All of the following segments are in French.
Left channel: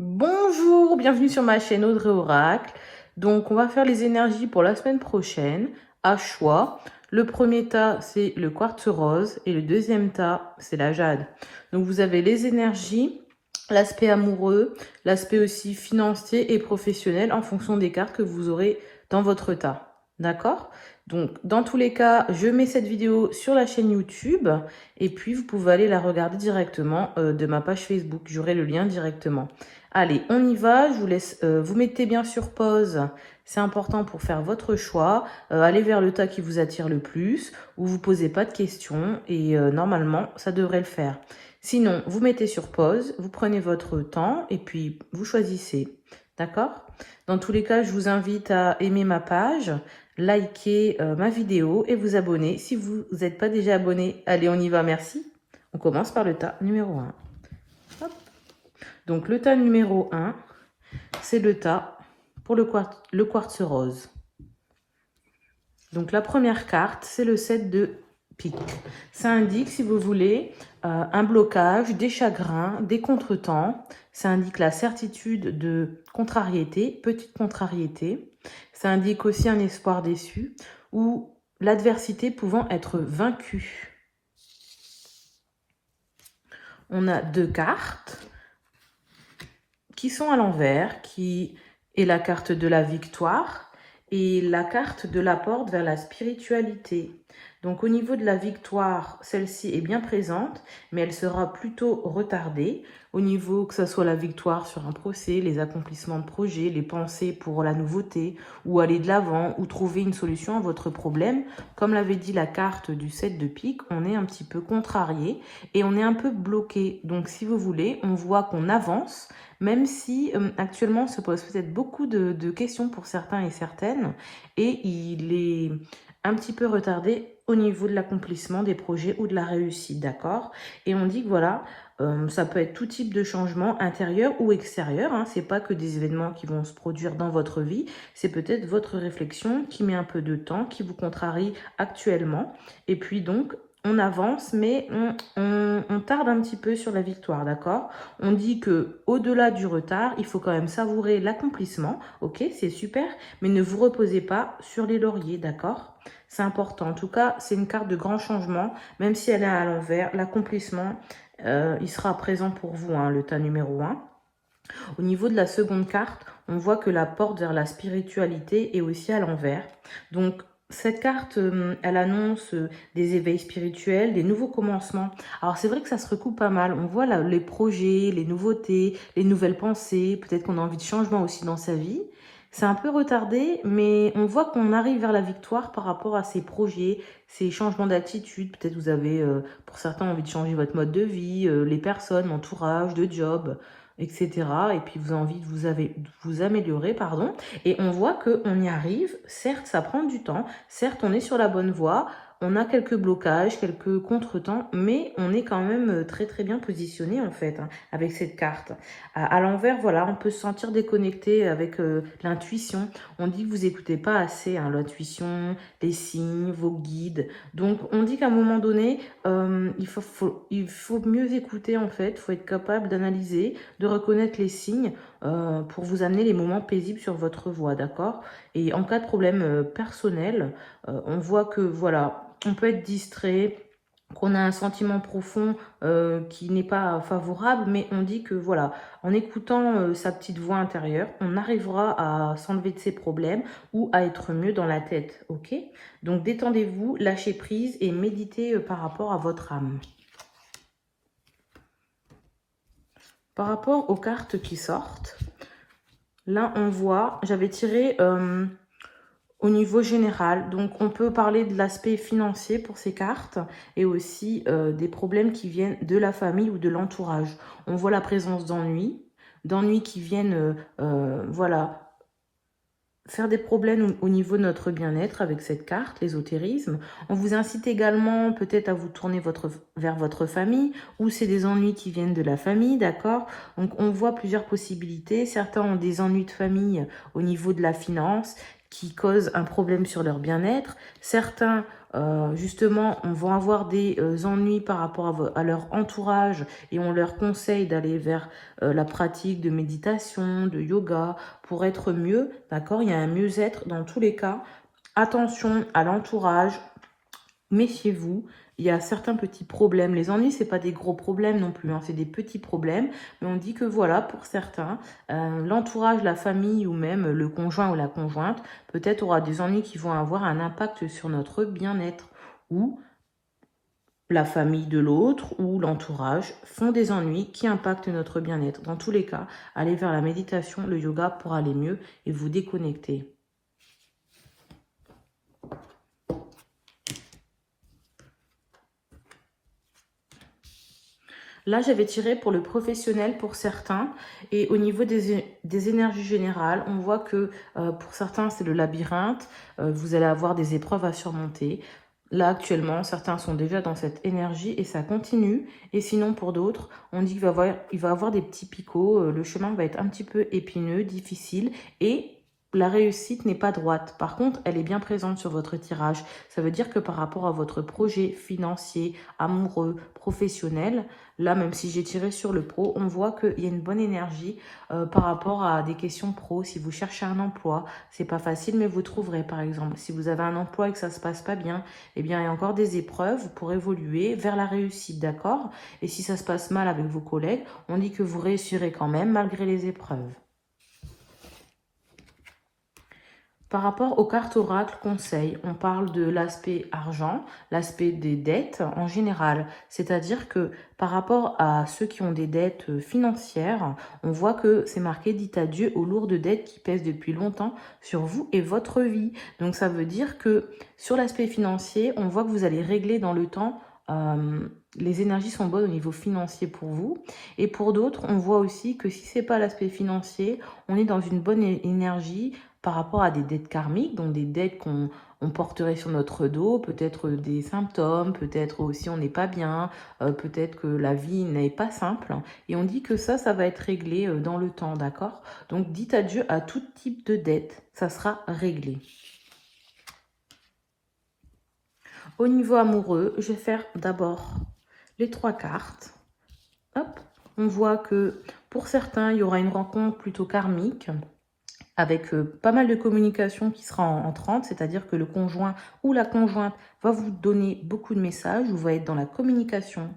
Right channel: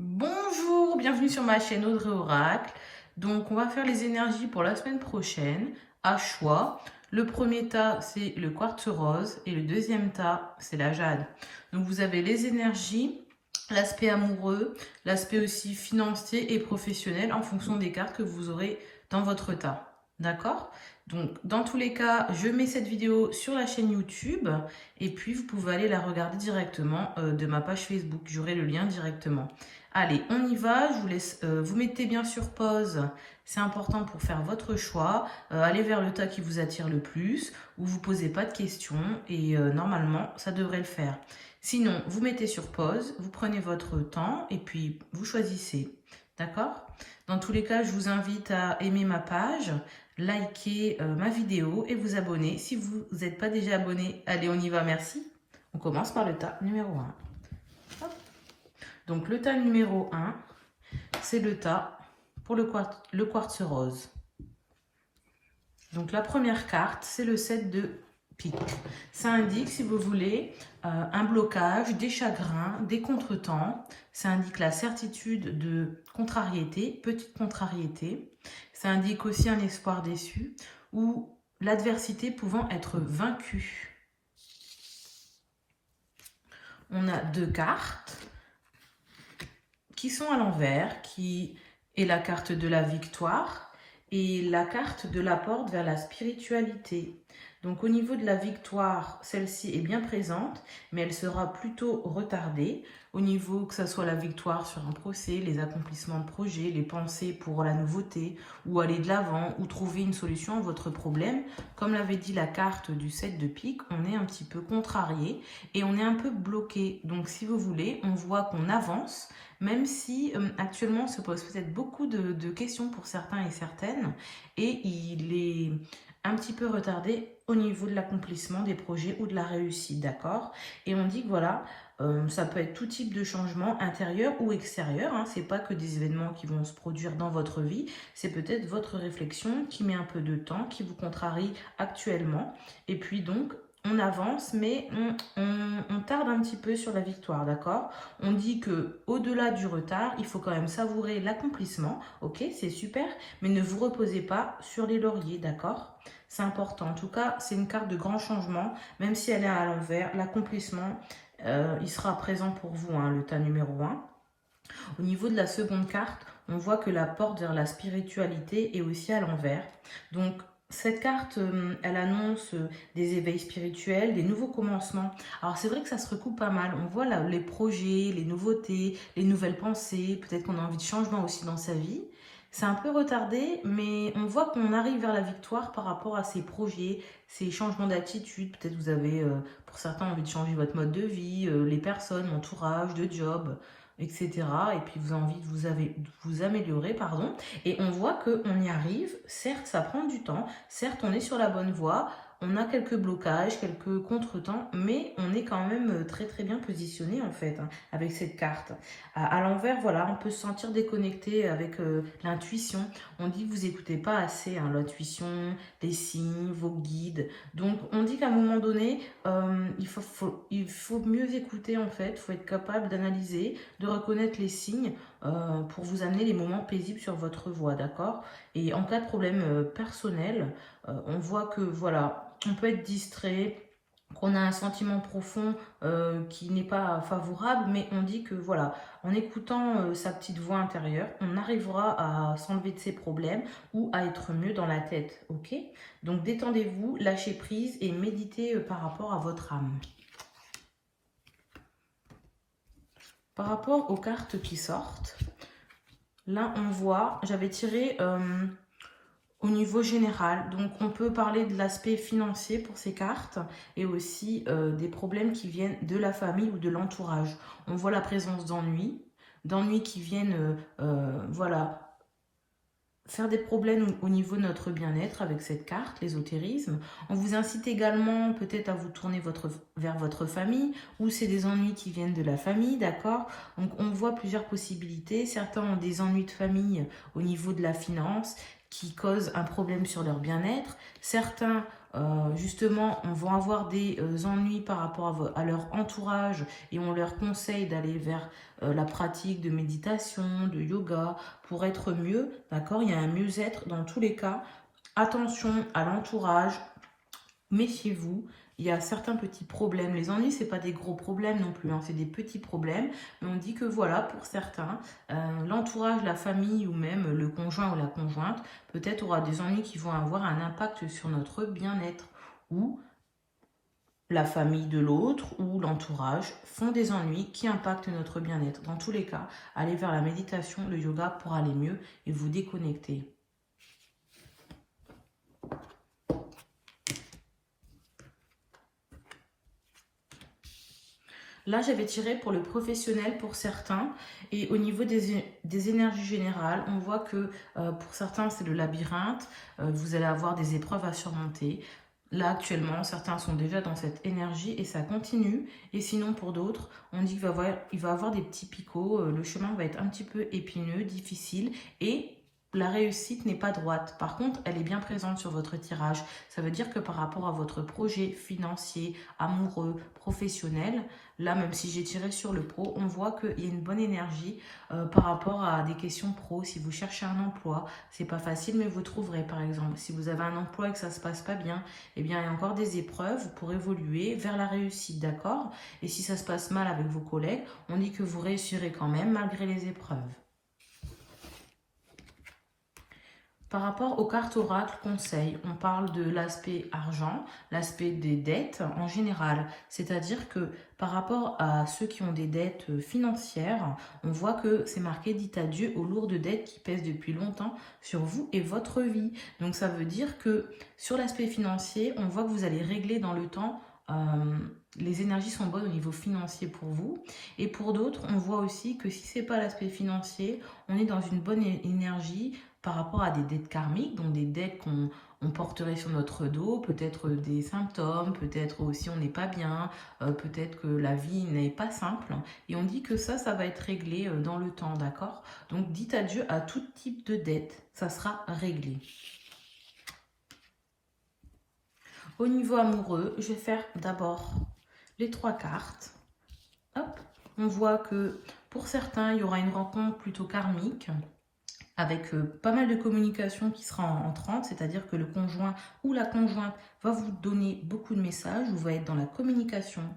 Bonjour, bienvenue sur ma chaîne Audrey Oracle. Donc, on va faire les énergies pour la semaine prochaine, à choix. Le premier tas, c'est le quartz rose et le deuxième tas, c'est la jade. Donc, vous avez les énergies, l'aspect amoureux, l'aspect aussi financier et professionnel en fonction des cartes que vous aurez dans votre tas. D'accord? Donc, dans tous les cas, je mets cette vidéo sur la chaîne YouTube et puis vous pouvez aller la regarder directement de ma page Facebook. J'aurai le lien directement. Allez, on y va. Je vous laisse, vous mettez bien sur pause. C'est important pour faire votre choix. Allez vers le tas qui vous attire le plus, où vous ne posez pas de questions et normalement, ça devrait le faire. Sinon, vous mettez sur pause, vous prenez votre temps et puis vous choisissez. D'accord? Dans tous les cas, je vous invite à aimer ma page, liker ma vidéo et vous abonner. Si vous n'êtes pas déjà abonné, allez, on y va, merci. On commence par le tas numéro 1. Donc, le tas numéro 1, c'est le tas pour le quartz rose. Donc, la première carte, c'est le 7 de pique. Ça indique, si vous voulez, un blocage, des chagrins, des contretemps. Ça indique la certitude de contrariété, petite contrariété. Ça indique aussi un espoir déçu ou l'adversité pouvant être vaincue. On a deux cartes qui sont à l'envers, qui est la carte de la victoire et la carte de la porte vers la spiritualité. Donc au niveau de la victoire, celle-ci est bien présente, mais elle sera plutôt retardée. Au niveau que ce soit la victoire sur un procès, les accomplissements de projets, les pensées pour la nouveauté, ou aller de l'avant, ou trouver une solution à votre problème. Comme l'avait dit la carte du 7 de pique, on est un petit peu contrarié et on est un peu bloqué. Donc si vous voulez, on voit qu'on avance, même si actuellement ça pose peut-être beaucoup de questions pour certains et certaines, et il est un petit peu retardé au niveau de l'accomplissement des projets ou de la réussite, d'accord? Et on dit que voilà, ça peut être tout type de changement intérieur ou extérieur, hein, c'est pas que des événements qui vont se produire dans votre vie, c'est peut-être votre réflexion qui met un peu de temps, qui vous contrarie actuellement, et puis donc on avance, mais on tarde un petit peu sur la victoire, d'accord? On dit que au-delà du retard, il faut quand même savourer l'accomplissement, ok? C'est super, mais ne vous reposez pas sur les lauriers, d'accord? C'est important. En tout cas, c'est une carte de grand changement, même si elle est à l'envers. L'accomplissement, il sera présent pour vous, hein, le tas numéro 1. Au niveau de la seconde carte, on voit que la porte vers la spiritualité est aussi à l'envers. Donc, cette carte, elle annonce des éveils spirituels, des nouveaux commencements. Alors, c'est vrai que ça se recoupe pas mal. On voit là, les projets, les nouveautés, les nouvelles pensées. Peut-être qu'on a envie de changement aussi dans sa vie. C'est un peu retardé, mais on voit qu'on arrive vers la victoire par rapport à ces projets, ces changements d'attitude. Peut-être vous avez, pour certains, envie de changer votre mode de vie, les personnes, l'entourage, de job, etc. Et puis vous avez envie de vous améliorer, pardon. Et on voit qu'on y arrive. Certes, ça prend du temps. Certes, on est sur la bonne voie. On a quelques blocages, quelques contretemps, mais on est quand même très très bien positionné en fait, hein, avec cette carte. À l'envers, voilà, on peut se sentir déconnecté avec l'intuition. On dit que vous n'écoutez pas assez, hein, l'intuition, les signes, vos guides. Donc on dit qu'à un moment donné, il faut mieux écouter en fait. Il faut être capable d'analyser, de reconnaître les signes pour vous amener les moments paisibles sur votre voie, d'accord? Et en cas de problème personnel, on voit que voilà, on peut être distrait, qu'on a un sentiment profond qui n'est pas favorable, mais on dit que voilà, en écoutant sa petite voix intérieure, on arrivera à s'enlever de ses problèmes ou à être mieux dans la tête, ok? Donc détendez-vous, lâchez prise et méditez par rapport à votre âme. Par rapport aux cartes qui sortent, là on voit, j'avais tiré au niveau général. Donc, on peut parler de l'aspect financier pour ces cartes et aussi des problèmes qui viennent de la famille ou de l'entourage. On voit la présence d'ennuis qui viennent, voilà, faire des problèmes au niveau de notre bien-être avec cette carte, l'ésotérisme. On vous incite également peut-être à vous tourner vers votre famille ou c'est des ennuis qui viennent de la famille, d'accord? Donc on voit plusieurs possibilités. Certains ont des ennuis de famille au niveau de la finance qui causent un problème sur leur bien-être. Certains justement, on va avoir des ennuis par rapport à leur entourage et on leur conseille d'aller vers la pratique de méditation, de yoga pour être mieux, d'accord? Il y a un mieux-être dans tous les cas. Attention à l'entourage, méfiez-vous. Il y a certains petits problèmes. Les ennuis, c'est pas des gros problèmes non plus, hein, c'est des petits problèmes. Mais on dit que voilà, pour certains, l'entourage, la famille ou même le conjoint ou la conjointe, peut-être aura des ennuis qui vont avoir un impact sur notre bien-être. Ou la famille de l'autre ou l'entourage font des ennuis qui impactent notre bien-être. Dans tous les cas, allez vers la méditation, le yoga pour aller mieux et vous déconnecter. Là, j'avais tiré pour le professionnel pour certains. Et au niveau des énergies générales, on voit que pour certains, c'est le labyrinthe. Vous allez avoir des épreuves à surmonter. Là, actuellement, certains sont déjà dans cette énergie et ça continue. Et sinon, pour d'autres, on dit qu'il va avoir des petits picots. Le chemin va être un petit peu épineux, difficile. Et la réussite n'est pas droite. Par contre, elle est bien présente sur votre tirage. Ça veut dire que par rapport à votre projet financier, amoureux, professionnel, là, même si j'ai tiré sur le pro, on voit qu'il y a une bonne énergie par rapport à des questions pro. Si vous cherchez un emploi, c'est pas facile, mais vous trouverez, par exemple. Si vous avez un emploi et que ça se passe pas bien, eh bien, il y a encore des épreuves pour évoluer vers la réussite, d'accord? Et si ça se passe mal avec vos collègues, on dit que vous réussirez quand même malgré les épreuves. Par rapport aux cartes oracle conseils, on parle de l'aspect argent, l'aspect des dettes en général. C'est-à-dire que par rapport à ceux qui ont des dettes financières, on voit que c'est marqué « dites adieu aux lourdes dettes qui pèsent depuis longtemps sur vous et votre vie ». Donc ça veut dire que sur l'aspect financier, on voit que vous allez régler dans le temps. Les énergies sont bonnes au niveau financier pour vous. Et pour d'autres, on voit aussi que si ce n'est pas l'aspect financier, on est dans une bonne énergie par rapport à des dettes karmiques, donc des dettes qu'on porterait sur notre dos, peut-être des symptômes, peut-être aussi on n'est pas bien, peut-être que la vie n'est pas simple. Et on dit que ça va être réglé dans le temps, d'accord? Donc dites adieu à tout type de dette, ça sera réglé. Au niveau amoureux, je vais faire d'abord les 3 cartes. Hop, on voit que pour certains, il y aura une rencontre plutôt karmique, avec pas mal de communication qui sera entrante, c'est-à-dire que le conjoint ou la conjointe va vous donner beaucoup de messages, vous va être dans la communication.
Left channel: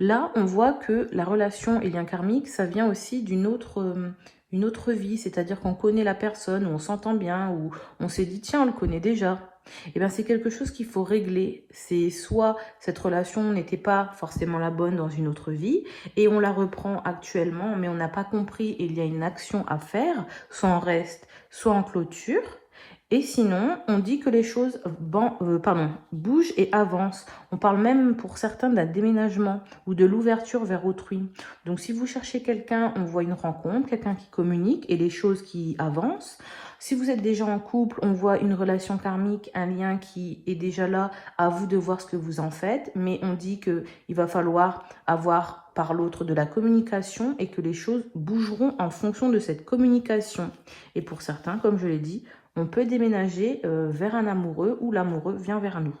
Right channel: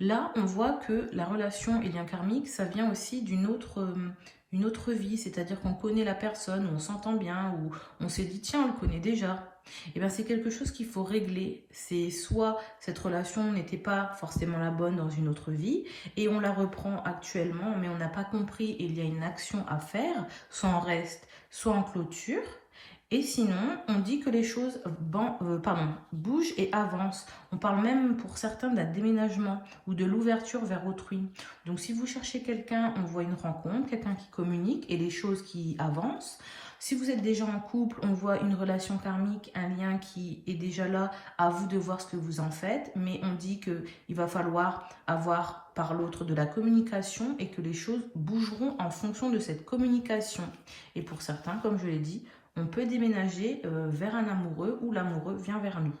Là, on voit que la relation et lien karmique, ça vient aussi d'une autre vie, c'est-à-dire qu'on connaît la personne, ou on s'entend bien, ou on s'est dit, tiens, on le connaît déjà. Et bien, c'est quelque chose qu'il faut régler. C'est soit cette relation n'était pas forcément la bonne dans une autre vie, et on la reprend actuellement, mais on n'a pas compris, et il y a une action à faire, soit on reste, soit en clôture. Et sinon, on dit que les choses bougent et avancent. On parle même pour certains d'un déménagement ou de l'ouverture vers autrui. Donc si vous cherchez quelqu'un, on voit une rencontre, quelqu'un qui communique et les choses qui avancent. Si vous êtes déjà en couple, on voit une relation karmique, un lien qui est déjà là, à vous de voir ce que vous en faites. Mais on dit qu'il va falloir avoir par l'autre de la communication et que les choses bougeront en fonction de cette communication. Et pour certains, comme je l'ai dit, on peut déménager vers un amoureux ou l'amoureux vient vers nous.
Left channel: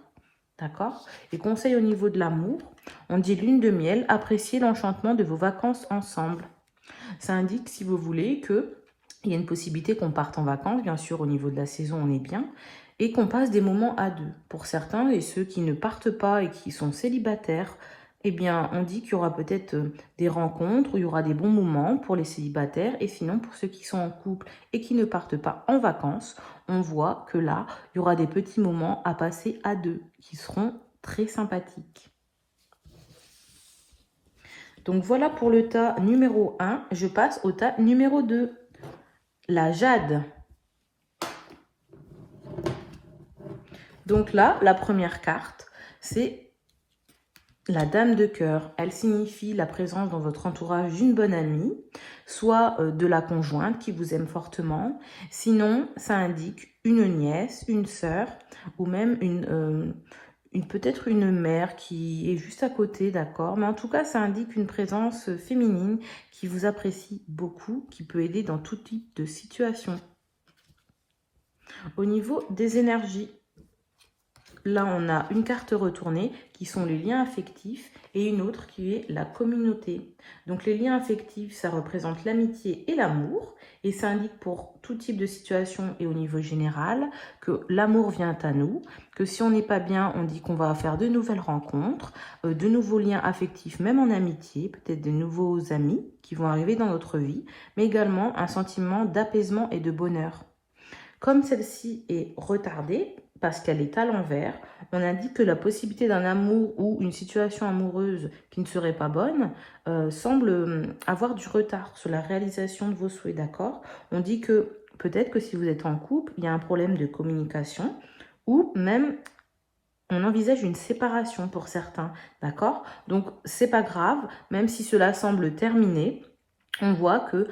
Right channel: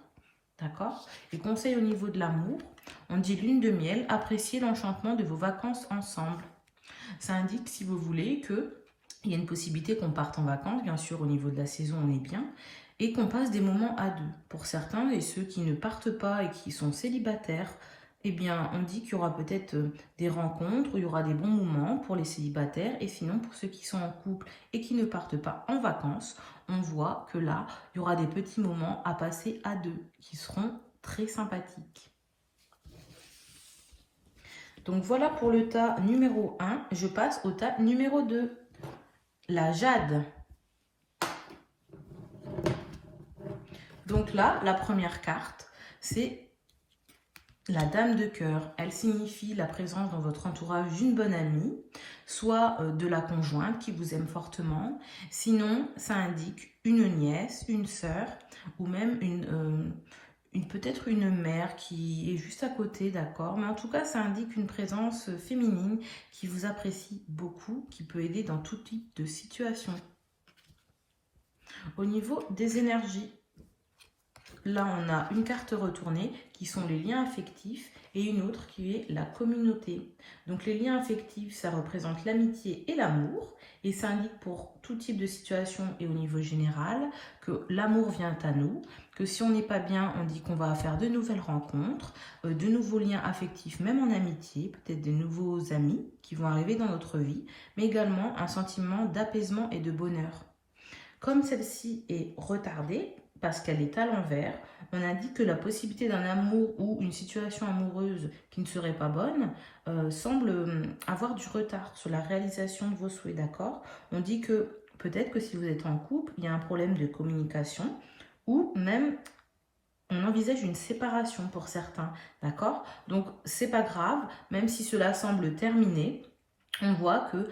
D'accord? Et conseil au niveau de l'amour, on dit lune de miel, appréciez l'enchantement de vos vacances ensemble. Ça indique, si vous voulez, qu'il y a une possibilité qu'on parte en vacances, bien sûr, au niveau de la saison, on est bien, et qu'on passe des moments à deux. Pour certains, et ceux qui ne partent pas et qui sont célibataires, eh bien, on dit qu'il y aura peut-être des rencontres où il y aura des bons moments pour les célibataires. Et sinon, pour ceux qui sont en couple et qui ne partent pas en vacances, on voit que là, il y aura des petits moments à passer à deux qui seront très sympathiques. Donc voilà pour le tas numéro 1. Je passe au tas numéro 2. La jade. Donc là, la première carte, c'est la dame de cœur. Elle signifie la présence dans votre entourage d'une bonne amie, soit de la conjointe qui vous aime fortement. Sinon, ça indique une nièce, une sœur ou même peut-être une mère qui est juste à côté, d'accord? Mais en tout cas, ça indique une présence féminine qui vous apprécie beaucoup, qui peut aider dans tout type de situation. Au niveau des énergies, là, on a une carte retournée qui sont les liens affectifs et une autre qui est la communauté. Donc, les liens affectifs, ça représente l'amitié et l'amour. Et ça indique pour tout type de situation et au niveau général que l'amour vient à nous, que si on n'est pas bien, on dit qu'on va faire de nouvelles rencontres, de nouveaux liens affectifs, même en amitié, peut-être des nouveaux amis qui vont arriver dans notre vie, mais également un sentiment d'apaisement et de bonheur. Comme celle-ci est retardée, parce qu'elle est à l'envers, on indique que la possibilité d'un amour ou une situation amoureuse qui ne serait pas bonne semble avoir du retard sur la réalisation de vos souhaits, d'accord? On dit que peut-être que si vous êtes en couple, il y a un problème de communication ou même on envisage une séparation pour certains, d'accord? Donc, c'est pas grave, même si cela semble terminé, on voit que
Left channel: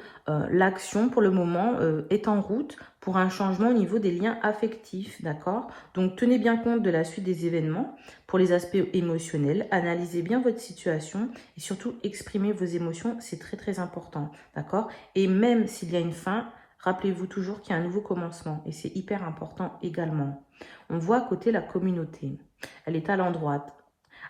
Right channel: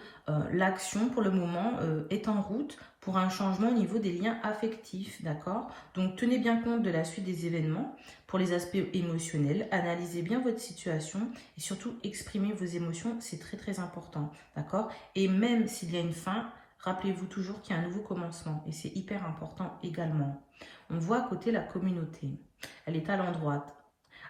l'action, pour le moment, est en route pour un changement au niveau des liens affectifs, d'accord? Donc, tenez bien compte de la suite des événements pour les aspects émotionnels. Analysez bien votre situation et surtout, exprimez vos émotions, c'est très, très important, d'accord? Et même s'il y a une fin, rappelez-vous toujours qu'il y a un nouveau commencement et c'est hyper important également. On voit à côté la communauté. Elle est à l'endroit.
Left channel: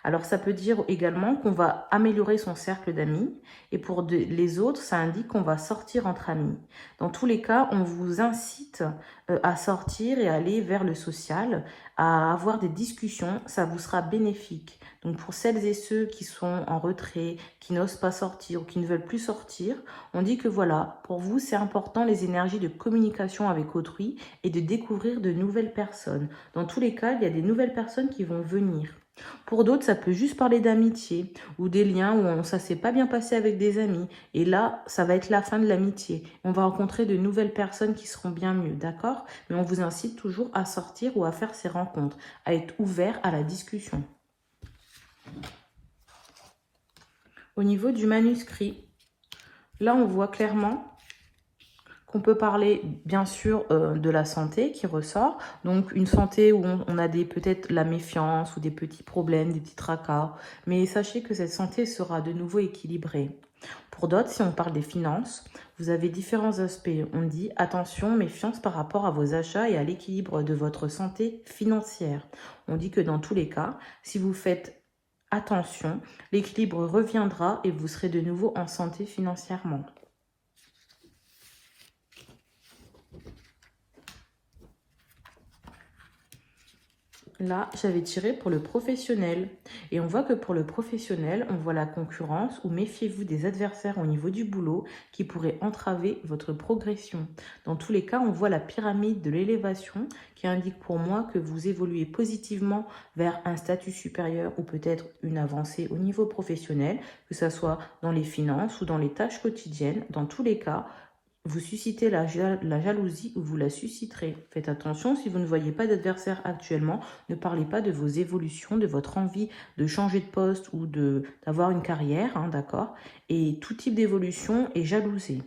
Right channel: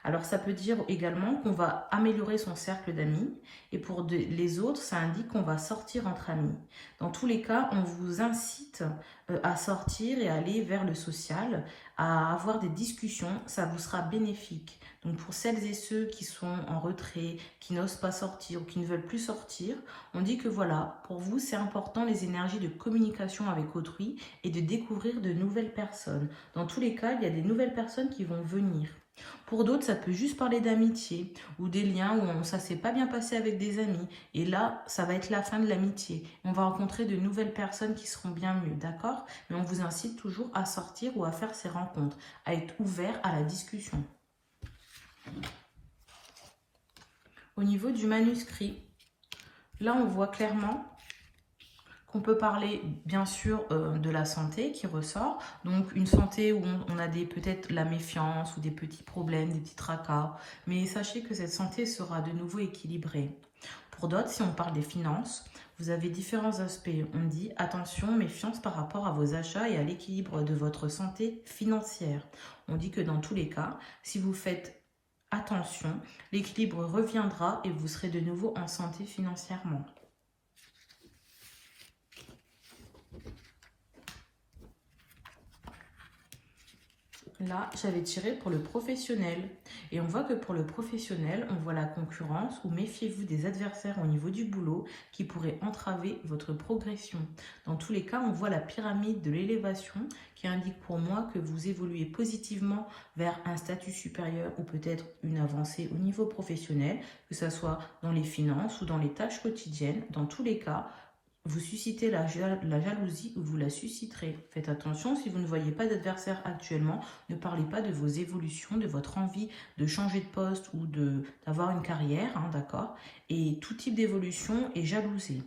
Alors, ça peut dire également qu'on va améliorer son cercle d'amis. Et pour les autres, ça indique qu'on va sortir entre amis. Dans tous les cas, on vous incite à sortir et à aller vers le social, à avoir des discussions. Ça vous sera bénéfique. Donc, pour celles et ceux qui sont en retrait, qui n'osent pas sortir ou qui ne veulent plus sortir, on dit que voilà, pour vous, c'est important les énergies de communication avec autrui et de découvrir de nouvelles personnes. Dans tous les cas, il y a des nouvelles personnes qui vont venir. Pour d'autres, ça peut juste parler d'amitié ou des liens où ça ne s'est pas bien passé avec des amis. Et là, ça va être la fin de l'amitié. On va rencontrer de nouvelles personnes qui seront bien mieux, d'accord? Mais on vous incite toujours à sortir ou à faire ces rencontres, à être ouvert à la discussion. Au niveau du manuscrit, là, on voit clairement qu'on peut parler bien sûr de la santé qui ressort, donc une santé où on a peut-être la méfiance ou des petits problèmes, des petits tracas, mais sachez que cette santé sera de nouveau équilibrée. Pour d'autres, si on parle des finances, vous avez différents aspects. On dit attention, méfiance par rapport à vos achats et à l'équilibre de votre santé financière. On dit que dans tous les cas, si vous faites attention, l'équilibre reviendra et vous serez de nouveau en santé financièrement. Là, j'avais tiré pour le professionnel. Et on voit que pour le professionnel, on voit la concurrence ou méfiez-vous des adversaires au niveau du boulot qui pourraient entraver votre progression. Dans tous les cas, on voit la pyramide de l'élévation qui indique pour moi que vous évoluez positivement vers un statut supérieur ou peut-être une avancée au niveau professionnel, que ce soit dans les finances ou dans les tâches quotidiennes. Dans tous les cas, vous suscitez la jalousie ou vous la susciterez. Faites attention, si vous ne voyez pas d'adversaire actuellement, ne parlez pas de vos évolutions, de votre envie de changer de poste ou d'avoir une carrière, hein, d'accord? Et tout type d'évolution est jalousé.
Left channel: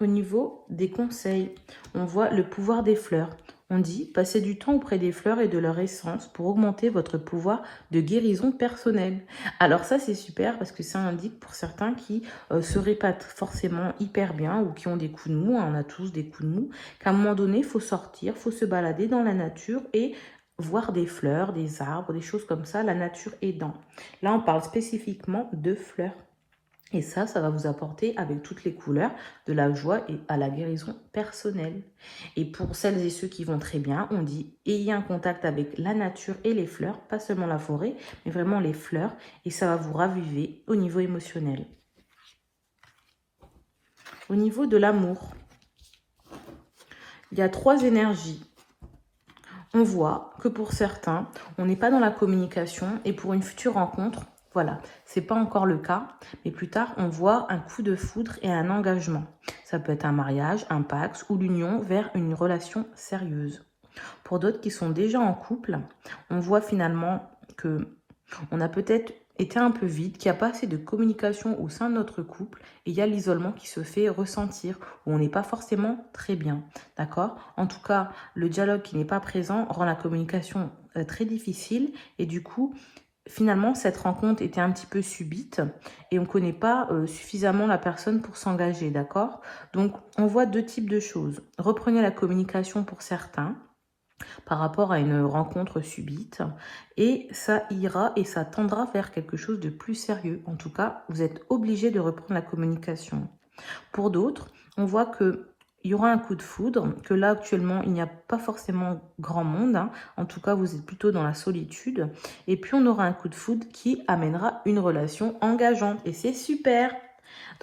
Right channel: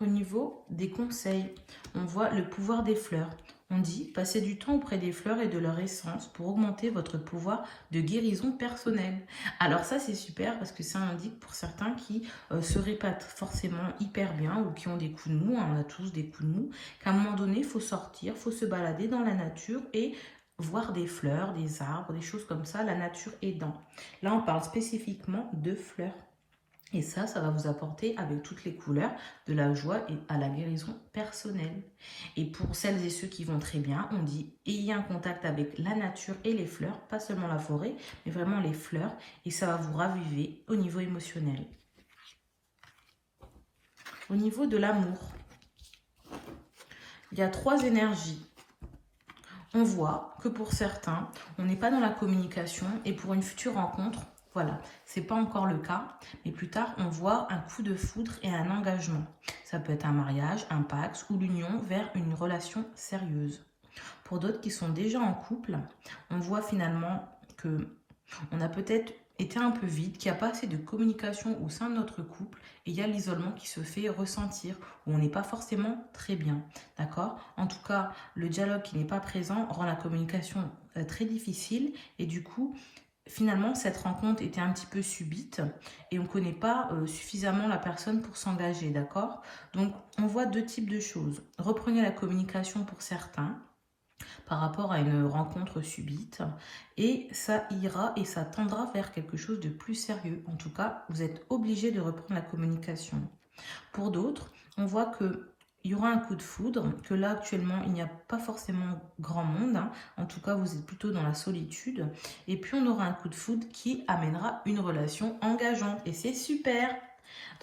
Au niveau des conseils, on voit le pouvoir des fleurs. On dit, passez du temps auprès des fleurs et de leur essence pour augmenter votre pouvoir de guérison personnelle. Alors ça, c'est super parce que ça indique pour certains qui seraient pas forcément hyper bien ou qui ont des coups de mou, on a tous des coups de mou, qu'à un moment donné, il faut sortir, il faut se balader dans la nature et voir des fleurs, des arbres, des choses comme ça, la nature aidant. Là, on parle spécifiquement de fleurs. Et ça va vous apporter avec toutes les couleurs de la joie et à la guérison personnelle. Et pour celles et ceux qui vont très bien, on dit ayez un contact avec la nature et les fleurs, pas seulement la forêt, mais vraiment les fleurs. Et ça va vous raviver au niveau émotionnel. Au niveau de l'amour, il y a 3 énergies. On voit que pour certains, on n'est pas dans la communication et pour une future rencontre, voilà, c'est pas encore le cas, mais plus tard, on voit un coup de foudre et un engagement. Ça peut être un mariage, un pacte ou l'union vers une relation sérieuse. Pour d'autres qui sont déjà en couple, on voit finalement que on a peut-être été un peu vide, qu'il n'y a pas assez de communication au sein de notre couple et il y a l'isolement qui se fait ressentir où on n'est pas forcément très bien, d'accord? En tout cas, le dialogue qui n'est pas présent rend la communication très difficile et du coup, finalement, cette rencontre était un petit peu subite et on ne connaît pas suffisamment la personne pour s'engager, d'accord? Donc, on voit deux types de choses. Reprenez la communication pour certains par rapport à une rencontre subite et ça ira et ça tendra vers quelque chose de plus sérieux. En tout cas, vous êtes obligé de reprendre la communication. Pour d'autres, on voit que il y aura un coup de foudre, que là actuellement il n'y a pas forcément grand monde, hein. En tout cas vous êtes plutôt dans la solitude, et puis on aura un coup de foudre qui amènera une relation engageante, et c'est super.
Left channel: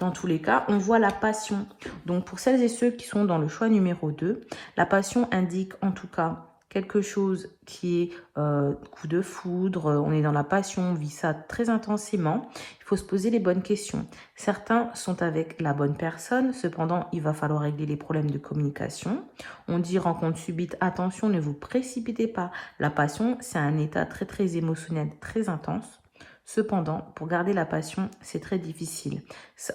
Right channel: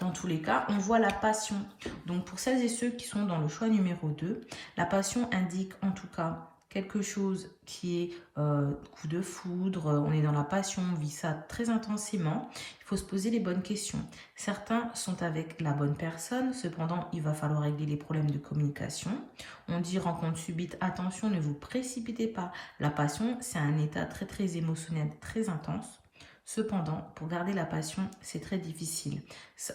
Dans tous les cas, on voit la passion. Donc pour celles et ceux qui sont dans le choix numéro 2, la passion indique en tout cas quelque chose qui est coup de foudre, on est dans la passion, on vit ça très intensément. Il faut se poser les bonnes questions. Certains sont avec la bonne personne, cependant il va falloir régler les problèmes de communication. On dit rencontre subite, attention, ne vous précipitez pas. La passion, c'est un état très émotionnel, très intense. Cependant, pour garder la passion, c'est très difficile.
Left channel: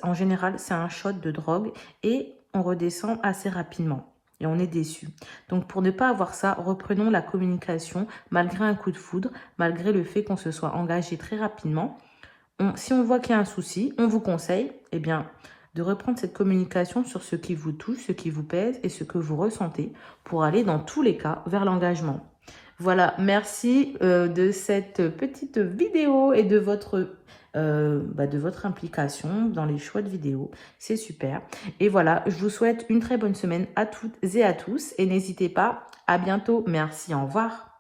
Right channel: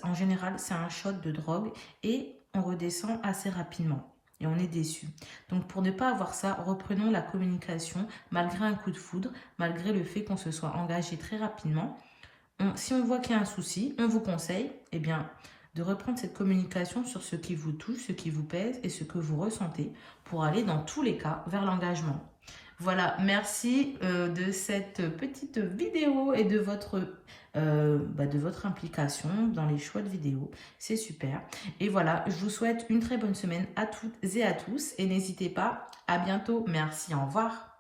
En général, c'est un shot de drogue et on redescend assez rapidement. Et on est déçu. Donc, pour ne pas avoir ça, reprenons la communication malgré un coup de foudre, malgré le fait qu'on se soit engagé très rapidement. Si on voit qu'il y a un souci, on vous conseille de reprendre cette communication sur ce qui vous touche, ce qui vous pèse et ce que vous ressentez pour aller dans tous les cas vers l'engagement. Voilà, merci de cette petite vidéo et de votre implication dans les choix de vidéos. C'est super. Et voilà, je vous souhaite une très bonne semaine à toutes et à tous. Et n'hésitez pas, à bientôt. Merci, au revoir.